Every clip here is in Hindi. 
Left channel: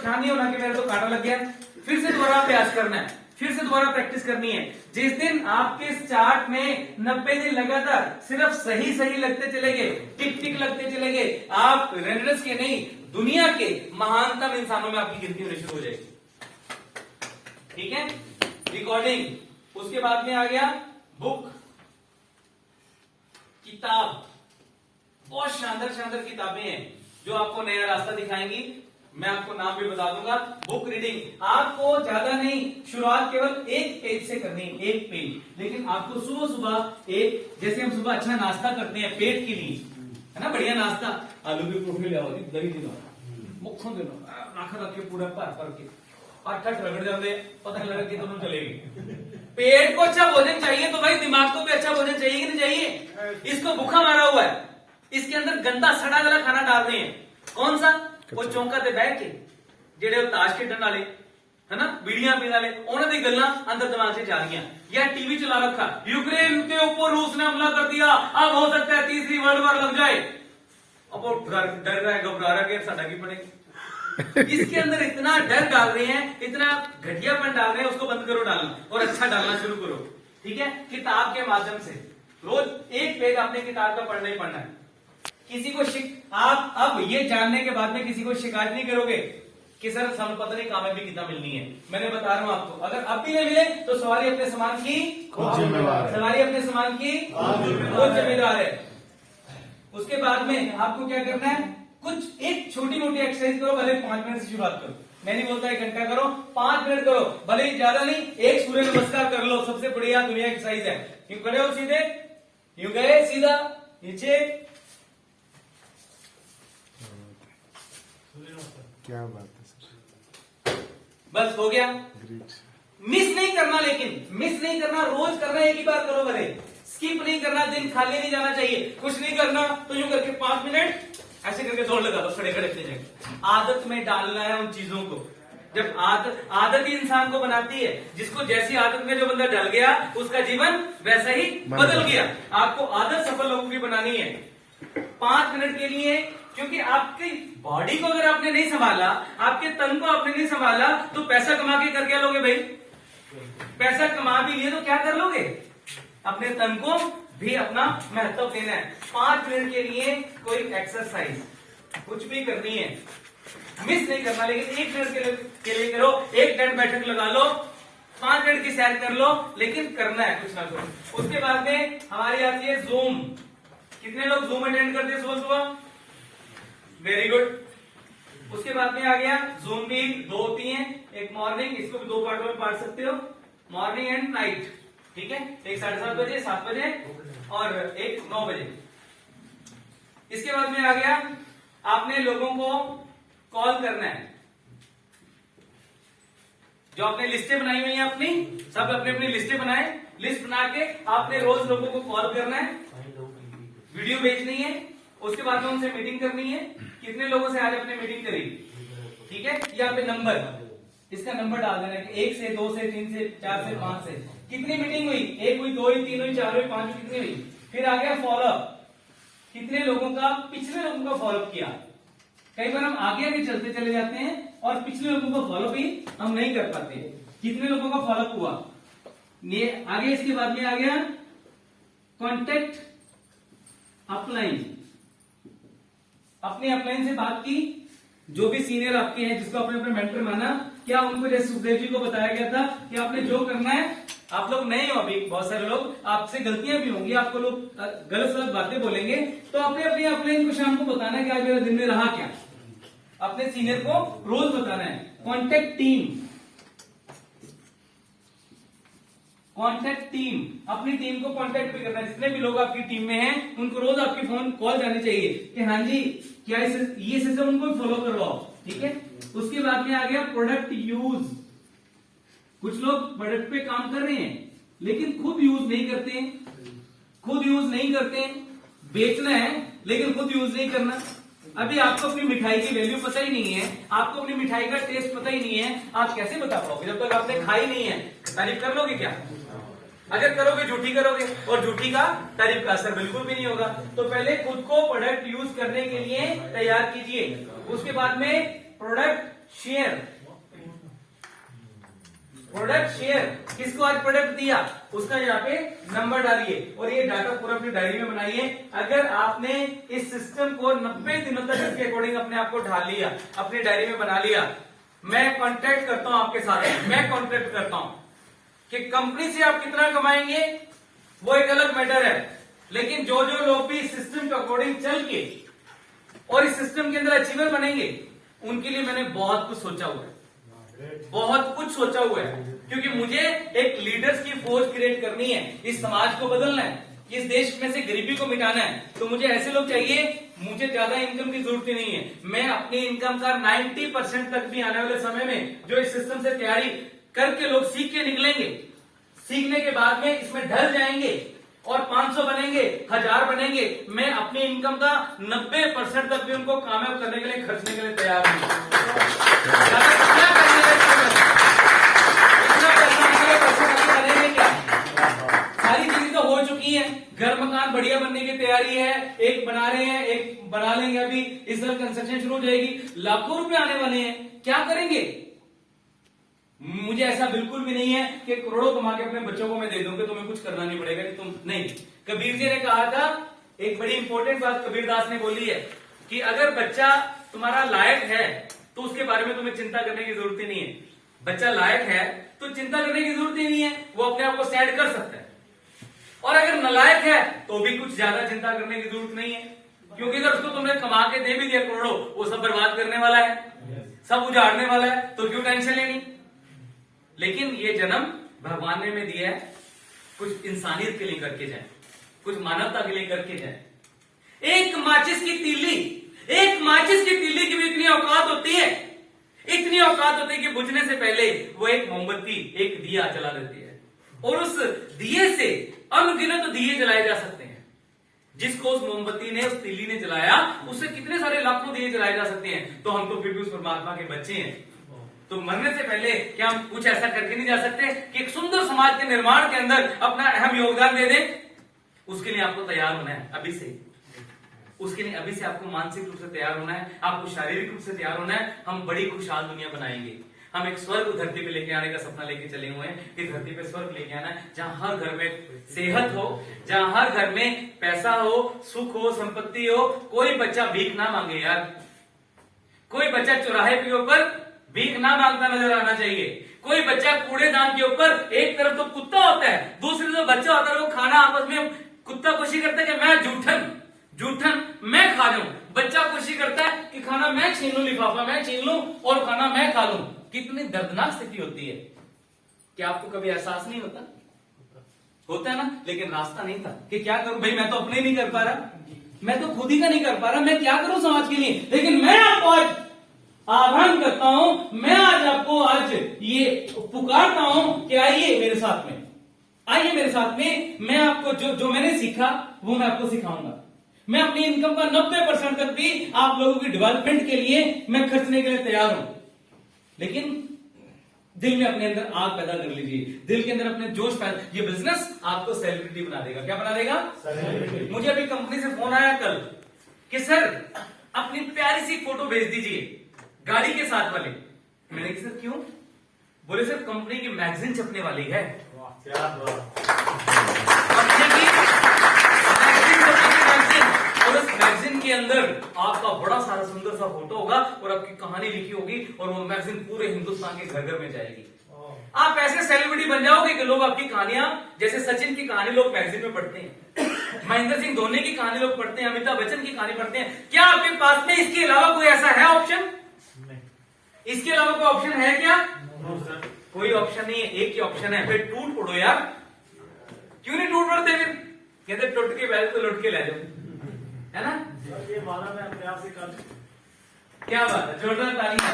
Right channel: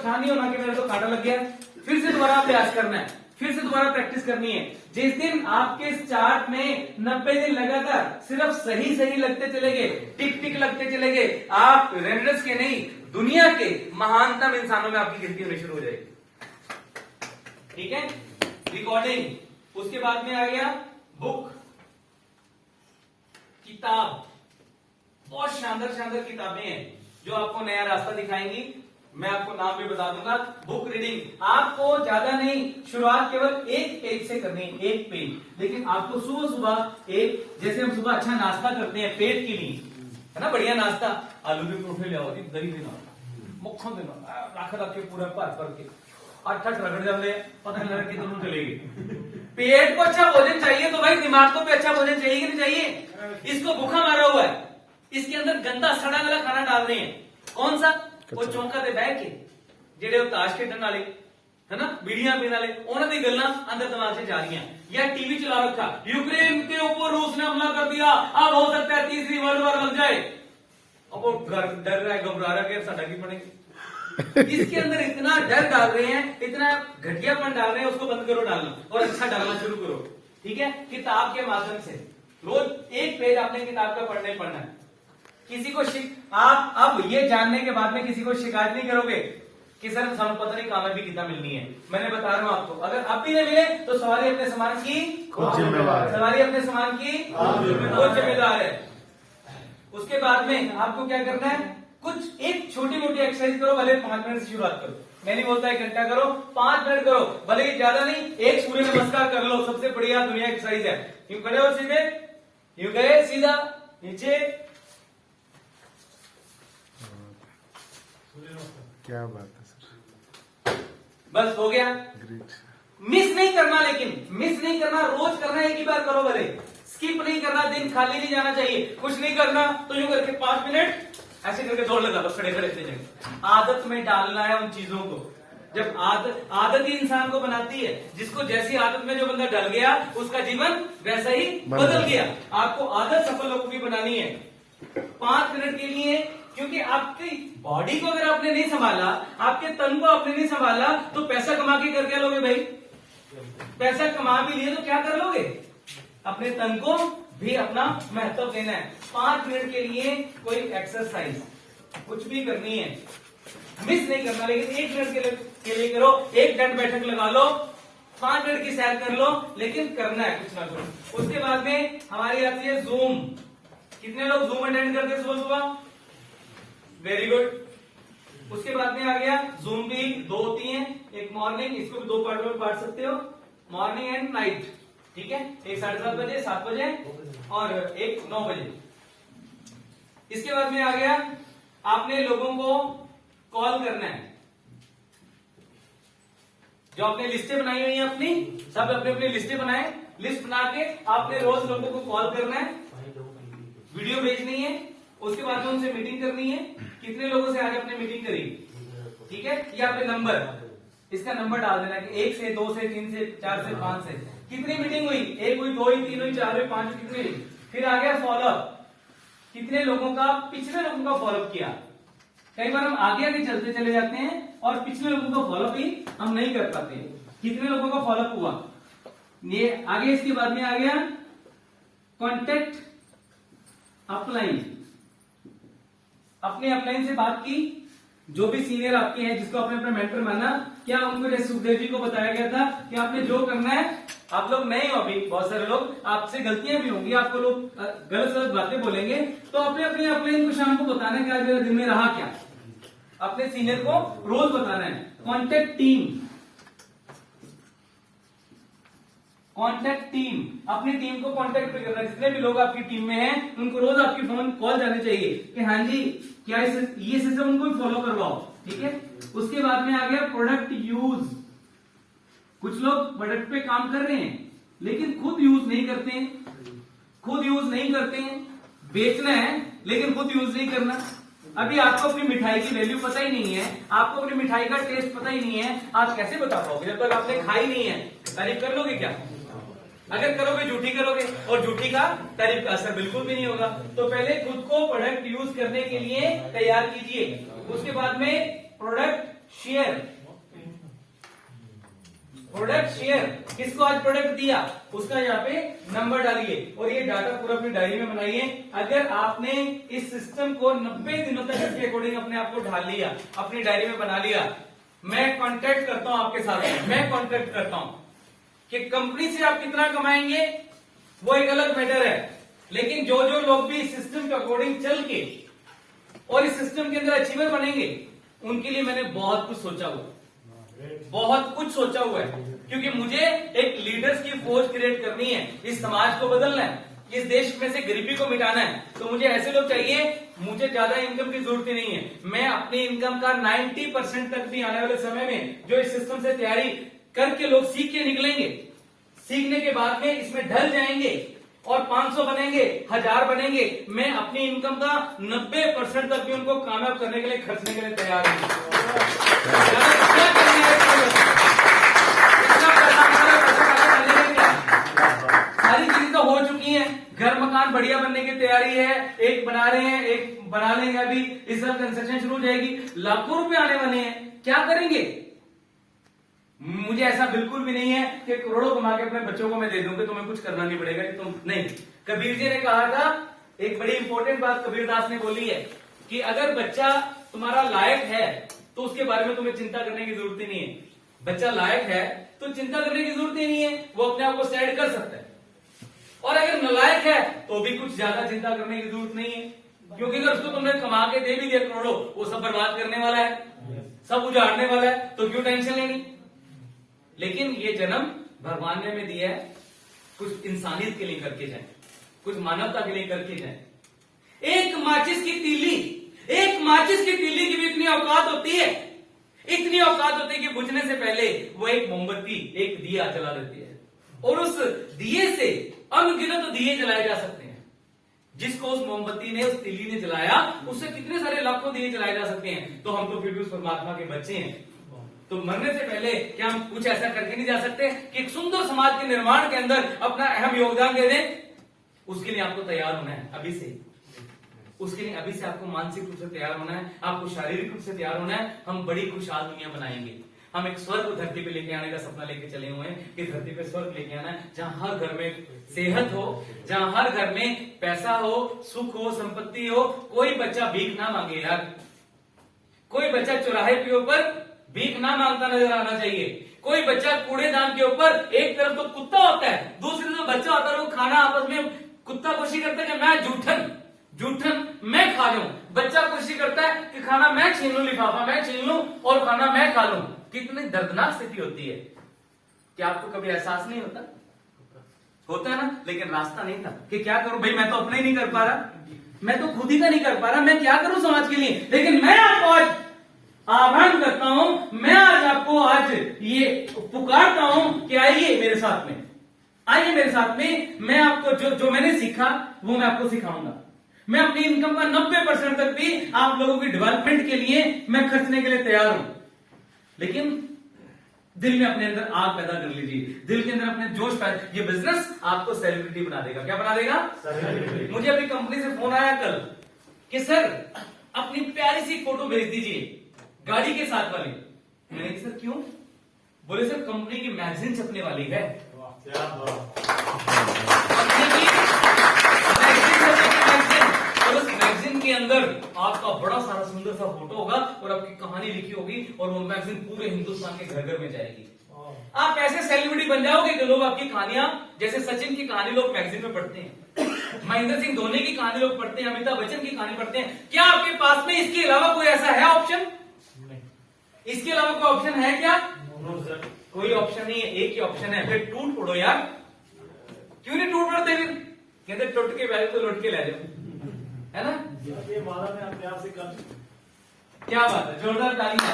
परेशान नहीं होना कि मेरे तो कांटा लग गया। फिर से दोबारा अभ्यास करना है, फिर से दोबारा प्रैक्टिस करनी है। जिस दिन आपके इस चार्ट में 90 दिन लगातार सिर्फ सही सही लगते चले गए, टिक टिक लगते चले गए, आप रेनेडस के नहीं दुनिया के महानतम इंसानों में आपकी गिनती होनी शुरू हो जाएगी। ठीक है, रिकॉर्डिंग। उसके बाद में आ गया बुक, किताब। बहुत शानदार शानदार किताबें हैं जो आपको नया रास्ता दिखाएंगी। मैं आपको नाम भी बता दूंगा। बुक रीडिंग आपको ज्यादा नहीं, शुरुआत केवल एक पेज से करनी है, एक पेज। लेकिन आपको सुबह सुबह एक, जैसे हम सुबह अच्छा नाश्ता करते हैं पेट के लिए, है ना, बढ़िया नाश्ता, आलू के परोठे ले आओ, दही दिलाओ, मक्खन दिलाओ, आखिर रख के पूरा भर के अट्ठट रगड़ जाते, पता नहीं लगा कि दोनों चलेगी। पेट को अच्छा भोजन चाहिए तो भाई दिमाग को भी अच्छा भोजन चाहिए कि नहीं चाहिए? इसको भूखा मारा हुआ है, इसके अंदर गंदा सड़ा गला खाना डाल रहे हैं। कौन सा? वो चौंका ते बह के जेडे ताश खेडन वाले, है ना, बीड़ियां पीने वाले, उन्होंने दी गल्लां अंदर दिमाग से जा रही हैं। या टीवी चला रखा, यूक्रेन के ऊपर रूस ने हमला कर दिया, अब हो सकता है तीसरी वर्ल्ड वॉर लग जाए। अब वो डर रहा है, घबरा रहा है, साडा की पड़ेगा। इसके अंदर इतना डर डाल रहे हैं, इतना घटियापन डाल रहे हैं, उसको बंद करो डालना और अच्छा डालना शुरू करो। ठीक है, किताब के माध्यम से रोज एक पेज आपने किताब का पढ़ना ही पढ़ना है। किसी को आप अब ये जानने के बाद में किसी को शिकायत नहीं करोगे कि सर ਸਾਨੂੰ पता नहीं कामयाबी कितना मिलनी है। मैंने बता रहा हूं आपको, अगर अब भी नहीं मिले तो सवारी अपने सामान की खुद जिम्मेवार है, सवारी अपने सामान की खुद जिम्मेदार है। उसके बाद में आपको क्या करना है, कुछ एक छोटी मोटी एक्सरसाइज करो, भले 5 मिनट से शुरुआत करो। मैं नहीं बोलता 1 घंटा करो, 5 मिनट करो, भले ही ज्यादा नहीं, एक सूर्य नमस्कार कर लो, सबसे बढ़िया दुनिया की एक्सरसाइज है। यूं खड़े हो सीधे, यूं गए सीधा नीचे, क्या बात है सर, बस हो गया। ग्रेट। मिस नहीं करना, लेकिन मिस नहीं करना, रोज करना, एक ही बार करो, भले स्किप नहीं करना, दिन खाली नहीं जाना चाहिए। कुछ नहीं करना तो यूं करके 5 मिनट ऐसे करके दौड़ लगा दो, खड़े खड़े थे। आदत में डालना है उन चीजों को। जब आदत ही इंसान को बनाती है, जिसको जैसी आदत में जो बंदा डल गया उसका जीवन वैसा ही बदल गया। आपको आदत सफल लोगों की बनानी है 5 मिनट के लिए, क्योंकि आपकी बॉडी को अगर आपने नहीं संभाला, आपके तन को आपने नहीं संभाला, तो पैसा कमा के कर क्या लोगे भाई? पैसा कमा भी लिए तो क्या कर लोगे? अपने तन को भी अपना महत्व देना है। 5 मिनट के लिए कोई एक्सरसाइज कुछ भी करनी है, मिस नहीं करना, लेकिन 1 मिनट के लिए करो। 1 दंड बैठक लगा लो, 5 मिनट की सैर कर लो, लेकिन करना है कुछ ना कुछ। उसके बाद में हमारी आती है जूम। कितने लोग जूम अटेंड करते हैं सुबह सुबह? Very good. उसके बाद में आ गया जूम भी 2 होती हैं, एक मॉर्निंग, इसको भी 2 पार्ट में बांट सकते हो, मॉर्निंग एंड नाइट। ठीक है, एक 7:30 बजे, 7 बजे और एक 9 बजे। इसके बाद में आ गया आपने लोगों को कॉल करना है। जो आपने लिस्टें बनाई हुई हैं अपनी, सब अपनी अपनी लिस्टें बनाए, लिस्ट बना के आपने रोज लोगों को कॉल करना है, वीडियो भेजनी है, उसके बाद में उनसे मीटिंग करनी है। कितने लोगों से आज आपने मीटिंग करी? ठीक है, यहाँ पे नंबर, इसका नंबर डाल देना कि 1 से 2 से 3 से 4 से 5 से कितनी मीटिंग हुई? 1 हुई, 2 हुई, 3 हुई, 4 हुई, 5 कितनी हुई? फिर आ गया फॉलोअप, कितने लोगों का, पिछले लोगों का फॉलोअप किया। कई बार हम आगे आगे चलते चले जाते हैं और पिछले लोगों का फॉलोअप ही हम नहीं कर पाते। कितने लोगों का फॉलोअप हुआ, ये आगे। इसके बाद में आ गया कॉन्टेक्ट अपलाइन। अपने अपलाइन से बात की, जो भी सीनियर आपके हैं, जिसको आपने अपना मेंटर माना, क्या उनको, जैसे सुखदेव जी को बताया गया था कि आपने जो करना है, आप लोग नए हो अभी, बहुत सारे लोग, आपसे गलतियां भी होंगी, आपको लोग गलत गलत बातें बोलेंगे, तो अपने अपने अपलाइन को शाम को बताना है कि आज मेरे दिन में रहा क्या। अपने सीनियर को रोज बताना है। कॉन्टेक्ट टीम, कॉन्टेक्ट टीम, अपनी टीम को कॉन्टेक्ट भी करना है। जितने भी लोग आपकी टीम में हैं, उनको रोज आपकी फोन कॉल जानी चाहिए कि हाँ जी, क्या ये सिस्टम उनको फॉलो करवाओ। ठीक है, उसके बाद में आ गया प्रोडक्ट यूज। कुछ लोग प्रोडक्ट पे काम कर रहे हैं लेकिन खुद यूज नहीं करते, खुद यूज नहीं करते। बेचना है लेकिन खुद यूज नहीं करना। अभी आपको अपनी मिठाई की वैल्यू पता ही नहीं है, आपको अपनी मिठाई का टेस्ट पता ही नहीं है, आप कैसे बता पाओगे जब तक आपने खाई नहीं है? तारीफ कर लोगे क्या? अगर करोगे झूठी करोगे, और झूठी का तारीफ का असर बिल्कुल भी नहीं होगा। तो पहले खुद को प्रोडक्ट यूज करने के लिए तैयार कीजिए। उसके बाद में प्रोडक्ट शेयर, प्रोडक्ट शेयर, किसको आज प्रोडक्ट दिया उसका यहाँ पे नंबर डालिए और ये डाटा पूरा अपनी डायरी में बनाइए। अगर आपने इस सिस्टम को 90 दिनों तक इसके अकॉर्डिंग अपने आप को ढाल लिया, अपनी डायरी में बना लिया, मैं कॉन्ट्रैक्ट करता हूं आपके साथ, मैं कॉन्ट्रैक्ट करता हूं कि कंपनी से आप कितना कमाएंगे वो एक अलग मैटर है, लेकिन जो जो लोग भी इस सिस्टम के अकॉर्डिंग चल के और इस सिस्टम के अंदर अचीवर बनेंगे उनके लिए मैंने बहुत कुछ सोचा हुआ है, बहुत कुछ सोचा हुआ है, क्योंकि मुझे एक लीडर्स की फौज क्रिएट करनी है, इस समाज को बदलना है, इस देश में से गरीबी को मिटाना है। तो मुझे ऐसे लोग चाहिए, मुझे ज्यादा इनकम की जरूरत ही नहीं है, मैं अपनी इनकम का 90% तक भी आने वाले समय में जो इस सिस्टम से तैयारी करके लोग सीख के निकलेंगे, सीखने के बाद में इसमें ढल जाएंगे और 500 बनेंगे, 1000 बनेंगे, मैं अपनी इनकम का 90% तक भी उनको कामयाब करने के लिए खर्चने के लिए तैयार हूं। क्या करने के लिए इतना पैसा क्या? सारी चीजें तो हो चुकी हैं, घर मकान बढ़िया बनने की तैयारी है, एक बना रहे हैं, एक बना लेंगे, अभी इस तरह कंस्ट्रक्शन शुरू हो जाएगी, लाखों रुपए आने वाले हैं, क्या करेंगे? मुझे ऐसा बिल्कुल भी नहीं है कि करोड़ों कमा के अपने बच्चों को मैं दे दूंगा, तुम्हें कुछ करना नहीं पड़ेगा कि तुम नहीं। कबीर जी ने कहा था, एक बड़ी इंपॉर्टेंट बात कबीरदास ने बोली है कि अगर बच्चा तुम्हारा लायक है तो उसके बारे में तुम्हें चिंता करने की जरूरत ही नहीं है। बच्चा लायक है तो चिंता करने की जरूरत ही नहीं है, वो अपने आप को स्टैंड कर सकता है। और अगर नालायक है तो भी कुछ ज्यादा चिंता करने की जरूरत नहीं है, क्योंकि अगर उसको तुमने कमा के दे भी दिया करोड़ों, वो सब बर्बाद करने वाला है, सब उजाड़ने वाला है, तो क्यों टेंशन लेनी। लेकिन ये जन्म भगवान ने में दिया है, कुछ इंसानियत के लिए करके जाए, कुछ मानवता के लिए करके जाए। एक माचिस की तीली, एक माचिस की तीली की भी इतनी औकात होती है, इतनी औकात होती है कि बुझने से पहले वो एक मोमबत्ती, एक दिया जला देती है, और उस दिए से अनगिनत दिए जलाए जा सकते हैं। जिसको उस मोमबत्ती ने, उस तीली ने जलाया, उससे कितने सारे लाखों दिए जलाए जा सकते हैं। तो हम तो फिर भी उस परमात्मा के बच्चे हैं, तो मरने से पहले क्या हम कुछ ऐसा करके नहीं जा सकते कि एक सुंदर समाज के निर्माण के अंदर अपना अहम योगदान दे दें? उसके लिए आपको तैयार होना है अभी से, उसके लिए अभी से आपको मानसिक रूप से तैयार होना है, आपको शारीरिक रूप से तैयार होना है। हम बड़ी खुशहाल दुनिया बनाएंगे, हम एक स्वर्ग धरती पे लेके आने का सपना लेके चले हुए हैं कि धरती पे स्वर्ग लेके आना है, जहां हर घर में सेहत हो, जहां हर घर में पैसा हो, सुख हो, संपत्ति हो, कोई बच्चा भीख ना मांगे यार, कोई बच्चा चौराहे के ऊपर भीख ना मांगता नजर आना चाहिए, कोई बच्चा कूड़ेदान के ऊपर, एक तरफ तो कुत्ता होता है, दूसरी तरफ बच्चा होता है, लोग खाना आपस में कुत्ता कोशिश करता है कि मैं जूठन मैं खा जाऊं, बच्चा कोशिश करता है कि खाना मैं छीन लूं, लिफाफा मैं छीन लूं और खाना मैं खा लूं। कितनी दर्दनाक स्थिति होती है, क्या आपको कभी एहसास नहीं होता? होता है ना, लेकिन रास्ता नहीं था कि क्या करूं भाई, मैं तो अपने ही नहीं कर पा रहा, मैं तो खुद ही का नहीं कर पा रहा, मैं क्या करूं समाज के लिए। लेकिन मैं आपको आज आह्वान करता हूं, मैं आज आपको आज ये पुकारता हूं कि आइए मेरे साथ में, आइए मेरे साथ में, मैं आपको जो मैंने सीखा वो मैं आपको सिखाऊंगा। मैं अपनी इनकम का 90% तक भी आप लोगों की डेवलपमेंट के लिए मैं खर्चने के लिए तैयार हूं। लेकिन दिल में अपने अंदर आग पैदा कर लीजिए, दिल के अंदर अपने जोश पैदा। ये बिजनेस आपको सेलिब्रिटी बना देगा। क्या बना देगा? मुझे अभी कंपनी से फोन आया कल कि सर अपनी प्यारी सी फोटो भेज दीजिए गाड़ी के साथ वाली। मैंने कहा सर क्यों? बोले सर कंपनी की मैगजीन छपने वाली है। और उस मैगजीन के अंदर आपका बड़ा सारा सुंदर सा फोटो होगा और आपकी कहानी लिखी होगी और वो मैगजीन पूरे हिंदुस्तान के घर घर में जाएगी। आप ऐसे सेलिब्रिटी बन जाओगे कि लोग आपकी कहानियां, जैसे सचिन की कहानी लोग मैगजीन में पढ़ते हैं, महेंद्र सिंह धोनी की कहानी लोग पढ़ते हैं, अमिताभ बच्चन की कहानी पढ़ते हैं। क्या आपके पास में इसके अलावा कोई ऐसा है ऑप्शन? इसके अलावा कोई ऑप्शन है क्या? कोई ऑप्शन नहीं है, एक ही ऑप्शन है। फिर टूट पड़ो यार। क्यों नहीं टूट पड़ते? फिर कहते टूट के बैठे तो लुट के ले जाओ, है ना? ये माना मैं अपने आप से कर। क्या बात है, जोरदार तालियां।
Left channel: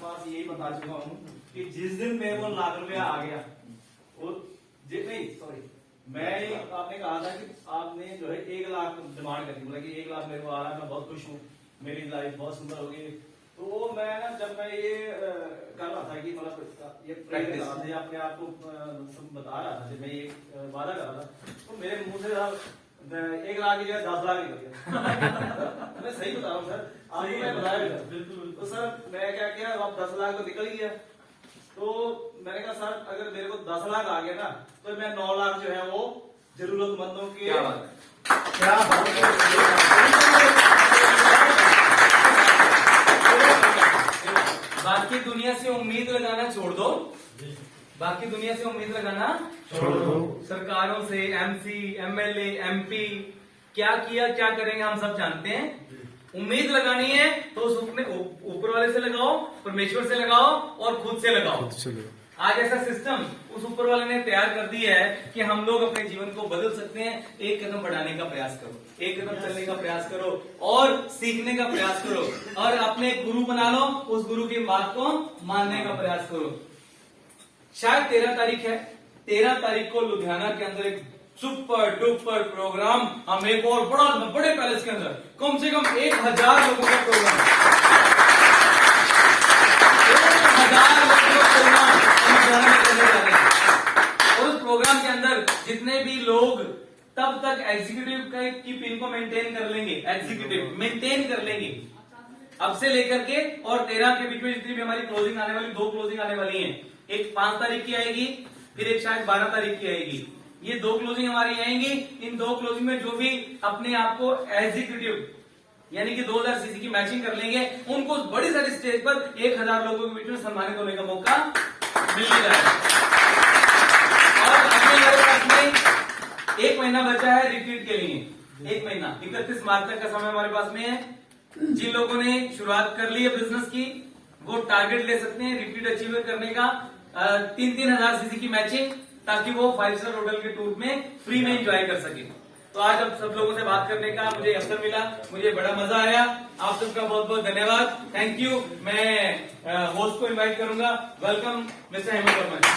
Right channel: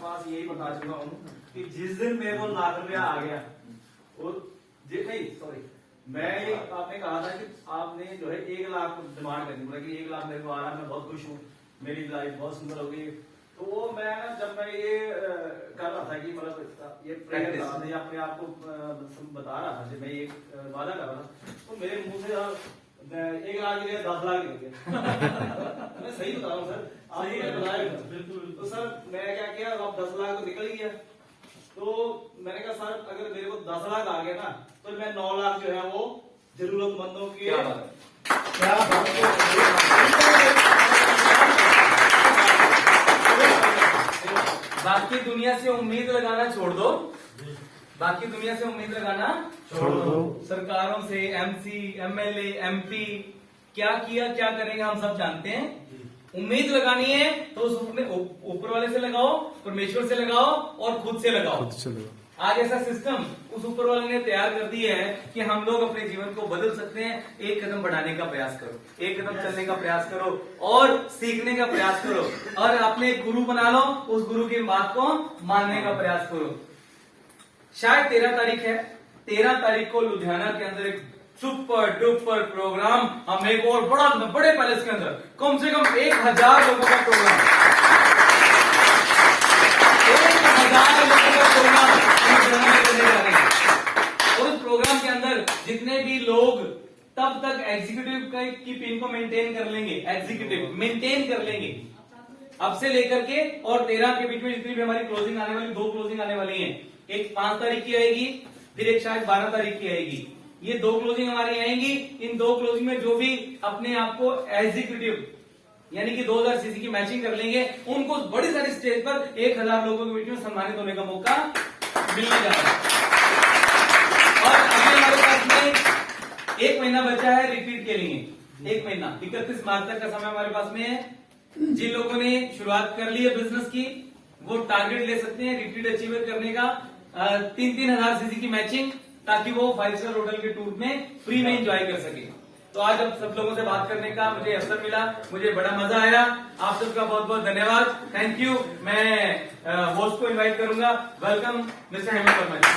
बात यही बता चुका हूँ कि जिस दिन मेरे को लाख रुपया आ गया, और नहीं सॉरी, आपने कहा था कि आपने जो है 1 लाख डिमांड करनी, बोला कि 1 लाख मेरे को आ रहा है, मैं बहुत खुश हूँ, मेरी लाइफ बहुत सुंदर होगी। तो वो मैं ना, जब मैं ये कर रहा था कि मतलब ये प्रेयर कर रहा था, अपने आप को बता रहा था, जब मैं ये वादा कर रहा था, तो मेरे मुंह से 1 लाख की 10 लाख निकल गया। मैं सही बता रहा हूँ सर, आपको मैं बताया था। बिल्कुल। तो सर मैं क्या किया, अब 10 लाख तो निकल गया, तो मैंने कहा सर अगर मेरे को 10 लाख आ गया ना, तो मैं 9 लाख जो है वो जरूरतमंदों के क्या बात है। क्या बात है। बाकी दुनिया से उम्मीद लगाना छोड़ दो, बाकी दुनिया से उम्मीद लगाना छोड़ दो। सरकारों से, एमसी, एमएलए, एमपी क्या किया क्या करेंगे हम सब जानते हैं। उम्मीद लगानी है तो उस अपने ऊपर वाले से लगाओ, परमेश्वर से लगाओ और खुद से लगाओ। खुद से लो। आज ऐसा सिस्टम उस ऊपर वाले ने तैयार कर दिया है कि हम लोग अपने जीवन को बदल सकते हैं। एक कदम बढ़ाने का प्रयास करो, एक कदम चलने का प्रयास करो और सीखने का प्रयास करो और अपने एक गुरु बना लो, उस गुरु की बात को मानने का प्रयास करो। शायद 13 तारीख है, 13 तारीख को लुधियाना के अंदर एक सुपर डुपर प्रोग्राम, हम एक और बड़े पैलेस के अंदर कम से कम 1000 लोगों का प्रोग्राम, 1000 लोगों का प्रोग्राम हम लुधियाना में करने जा रहे हैं। और उस प्रोग्राम के अंदर जितने भी लोग तब तक एग्जीक्यूटिव की पिन को मेंटेन कर लेंगे, एग्जीक्यूटिव मेंटेन कर लेंगे अब से लेकर के, और 13 के बीच में जितनी भी हमारी क्लोजिंग आने वाली, 2 क्लोजिंग आने वाली हैं। एक 5 तारीख की आएगी, फिर एक शायद 12 तारीख की आएगी। ये 2 क्लोजिंग हमारी आएंगी। इन 2 क्लोजिंग में जो भी अपने आप को एग्जीक्यूटिव यानी कि 2000 सीसी की मैचिंग कर लेंगे, उनको बड़ी सारी स्टेज पर 1000 लोगों के बीच में सम्मानित होने का मौका मिल जा रहा है। और अभी हमारे पास में 1 महीना बचा है रिट्रीट के लिए। 1 महीना 31 मार्च तक का समय हमारे पास में है। जिन लोगों ने शुरुआत कर ली है बिजनेस की, वो टारगेट ले सकते हैं रिट्रीट अचीव करने का, 3-3 हजार सीसी की मैचिंग, ताकि वो 5 स्टार होटल के टूर में फ्री में एंजॉय कर सके। तो आज अब सब लोगों से बात करने का मुझे अवसर मिला, मुझे बड़ा मजा आया। आप सबका बहुत बहुत धन्यवाद, थैंक यू। मैं होस्ट को इनवाइट करूंगा। वेलकम मिस्टर हेमंत वर्मा जी।